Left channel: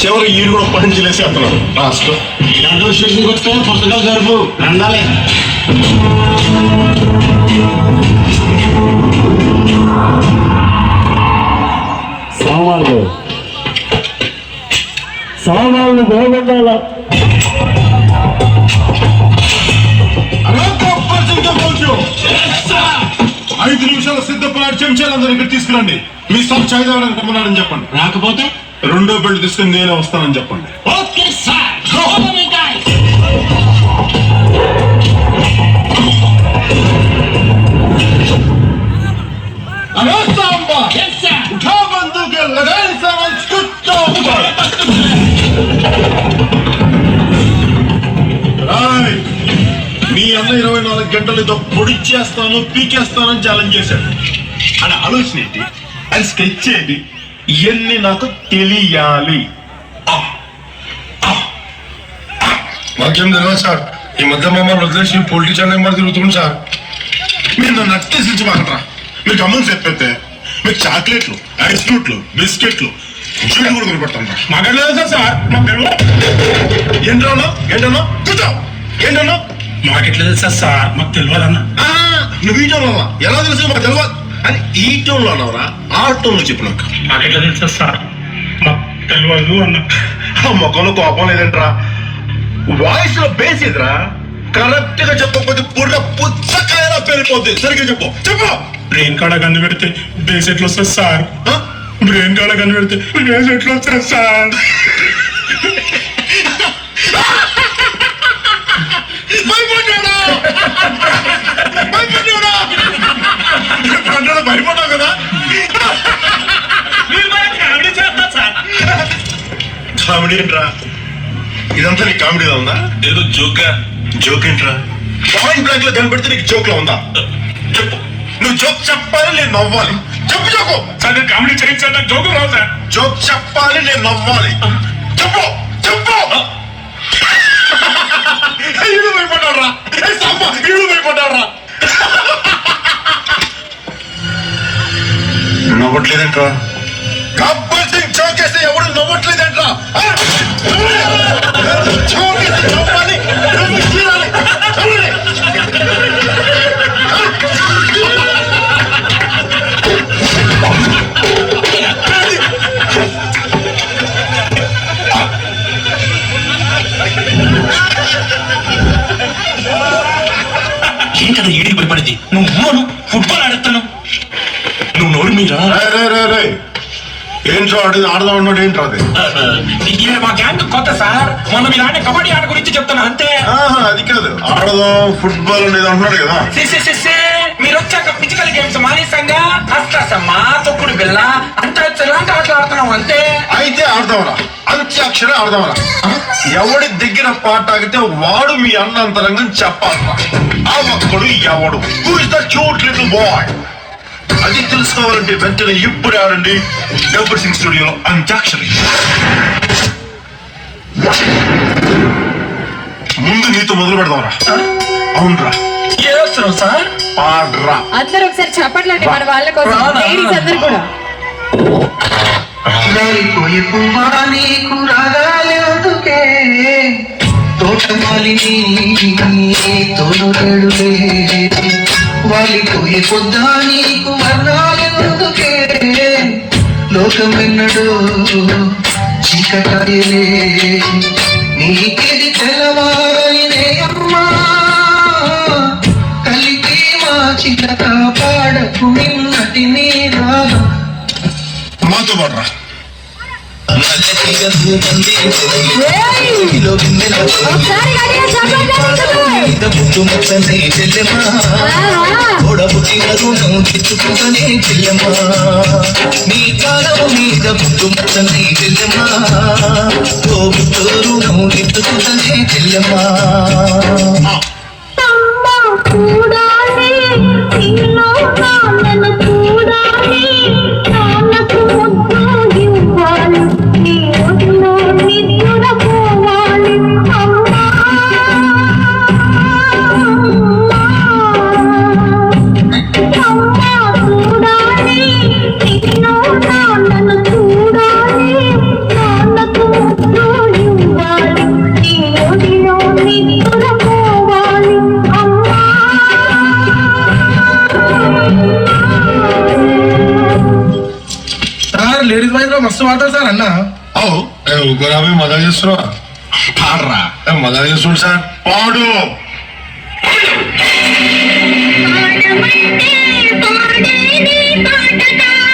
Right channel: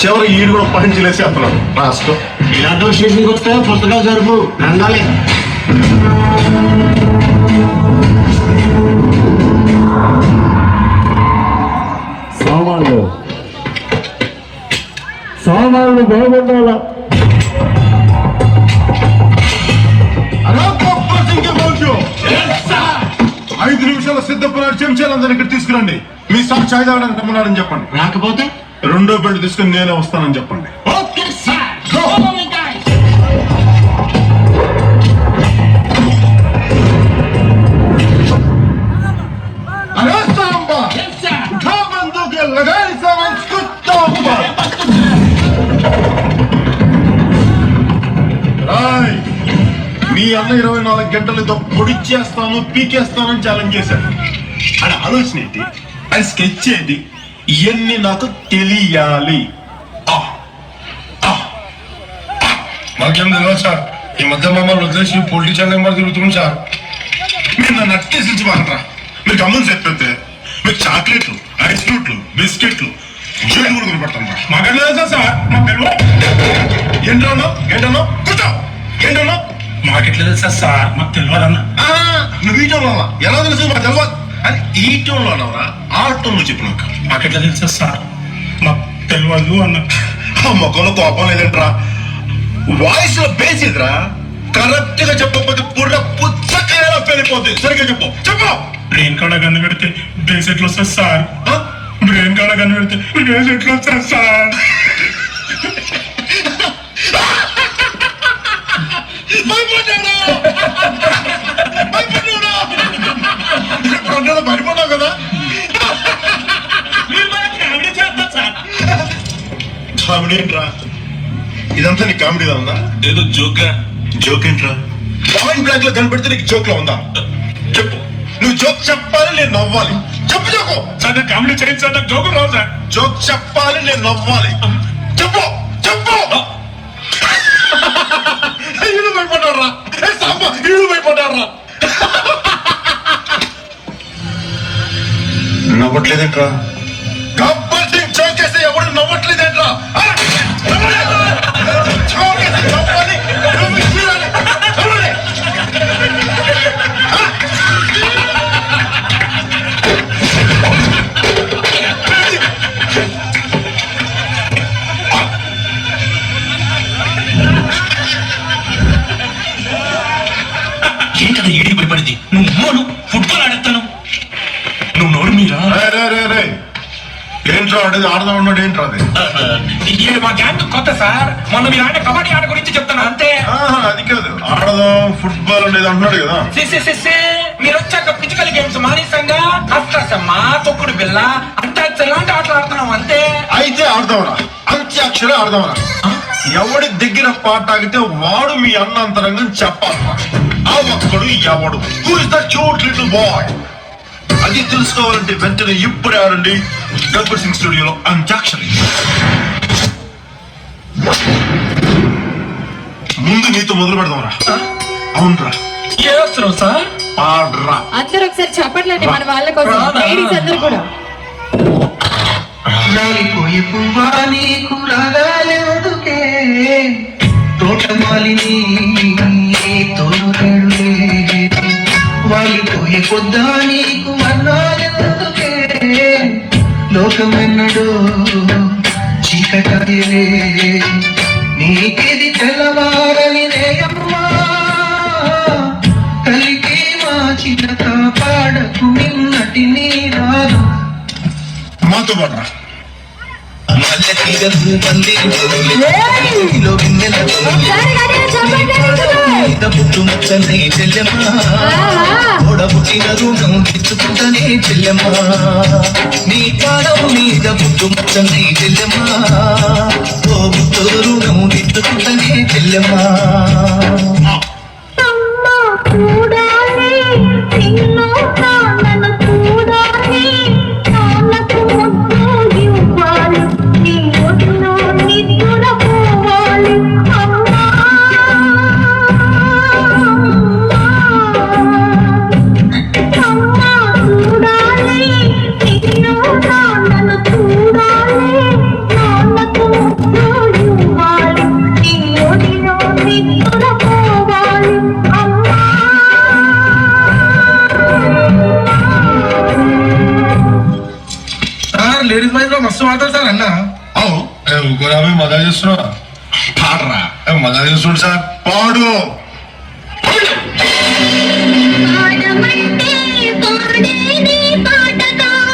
చివరి ఈడు కూడా పహించలేసేస్తున్నాడు రాష్ట్రం. ఇలాంటి స్టేషన్కి వస్తే పుస్తకాలు జరుపు రండాలి. సామాన్లు బాగుండాలా. కూర్చో 5 నిమిషాలు సిద్ధపడాడు. చెంచాలందరూ ఇక్కడ తీసుకురండి. మీ సార్ చాయ్ తాగడానికి రమ్మన్నారని చెప్పండి. రాకపోతే రెండో బిల్లు తీసుకుని నేనే వస్తానని చెప్పండి. Okay sir. अरे सांबा उठा बंदूकें लगाए सामान कुत्ता ऊपर. మీ అన్న 24 గంటలతో పొడిచేస్తాను పీకేస్తానని ఛాలెంజ్ చేశాడు. అని ఆలోచన ఏంటి, అది స్కెచ్ ఏంటి, ఇవన్నీ నాకు తెలియాలి. మాకేం తెలియదు సార్. ఈ మధ్య మమ్మల్ని వదిలేసి పొలిటికల్ నెంబర్ తిరుగుతుంది సార్. మీరు నన్ను అట్టేసించి మాకంటారా. మీరు గమని చెప్పైతే మీకు చాక్లెట్లు, ఐస్ ఫ్రూట్లు, బిస్కెట్లు జ్యూస్ కూడా కొనిపెడతాం. మాకెళ్ళలేదు సార్. మాకు ఏంటన్నా ఏంటన్నా కూర్చో. ఏంటన్నా మాకెట్లా తెలుసా సార్? మాకు తెలియదన్నా. నువ్వు ఈ టోన్లో ఎలా తెలుసు? మాకు తెలియదు అని ఈ టోన్లో అన్నవరా ఆ టోన్లో చెప్పినాక మాకెట్లా తెలుసా సార్? మాకు తెలియదు అన్న. ఆ ముఖంలో కోపం లేదంటరా, వాయిస్ లో బేస్ ఇదిరా. కరెక్ట్ గా చెప్పకపోతే పూర్ణ పుచ్చకాయలా పెరిగిపోద్ది. సరిగ్గా చెప్పు చెప్పు. బ్రెయిన్ కాడ కన్ను పెడితే బేస్ ఎట్లా వస్తుంది సార్? బ్రెయిన్ కాడ కన్ను పెడితే బేస్ ఎట్లా వస్తుంది సార్? భయపడ్డావు కదా. కామెడీ ఏంట్రా ఇదంతా? నీకు కామెడీగా ఉందా? ఏదో జోక్గా. జోక్ ఏంట్రా? పాయింట్ బ్లాంక్ లో కనిపెడితే నీకు జోక్ లో ఉందా? చెప్పు. నువ్వు జోక్ చెప్పాలి, నేను నవ్వాలి. చెప్పు జోకు. సార్ కామెడీ చేయండి సార్. నాకు జోకు రావు సార్. జోక్ చెప్పాలి, నేను నవ్వాలి. చెప్పు చెప్పు. ఈడు భయపడ్డారా? ఈడు భయపడ్డారా? నవ్వట్లేదేంట్రా? గబ్బర్ సింగ్ చౌకేస్తే ఎవడు నవ్వట్లేదేంట్రా? చౌకేస్తే నవ్వాలి, నువ్వు చూడాలి. చూడాలి. ఏంటది ఏడికి భయపడింది? నువ్వు ఫుట్బాల్ ఆడతాను. నువ్వు నోరు మీరా? ఏంట్రా ఆడేది? ఆడదాం అన్నాడు. ఏంట్రా అది? మా గ్యాంగ్ కొత్త సార్. మొన్న మీరు ఆడే కబడ్డీ ఆట గురించి చెప్తాను అంతే. అది కాదు, ఆడదాం ఫుట్బాల్ అనేది అంటున్నాడు కదా. మీరు వచ్చాక ఫిజికల్ గేమ్స్ మానేసంగా అష్టసమ్మా, తొక్కుడు బిల్ల అంతా ఇలాంటి ఆటలు ఆడుతున్నాం అంతే. అయితే ఆడదామరా, అంత్యాక్షరే ఆడదామరా. ఎవడి దగ్గర పాట ఆగితే వాడు మీ అన్న అంతరంగం చెప్పాలరా. ఆ ఒక్కడు ఎవడు? Who is the cute little boy? అది తెలుసుకోవాలంటే వెంటనే ఇప్పుడు ఆడండి గబ్బర్ సింగ్ స్టూడియోలో అంత్యాక్షరి. ముందు నీతో మొదలు పెడదాంరా. అవునరా, సార్ పాడ్రా. అందరూ ఒకసారి చెప్పట్లండి మన వాళ్ళ కోసం. లేడీస్ అందరూ కూడా. తోటమాలిని తోడుడే వాలిపోయే పొద్దా నీకు వర్ణాలెందుకే లోకమెన్నడో చీకటాయలే నీకిది తెల్లవారలినే అమ్మా కలికి వాచిన కాపాడకు నిన్నటి నీ రాగం. మాతో పాడరా. పుట్టుమచ్చనే చెల్లెమా ఓడబుట్టిన రుణం తెచ్చుకుంటనే చెల్లెమా నీ కాలం మీద పుట్టుమచ్చనే చెల్లెమా ఓ బుట్టు రుణం తెచ్చుకుంటనే చెల్లెమా. మస్తు వాడతారు సార్ అన్న ఓ ఊకరాబే మజా చేస్తున్నా పాడరా మజా చేస్తుండు సార్ పాడు పాడమంటే పాడేది పాట కాదు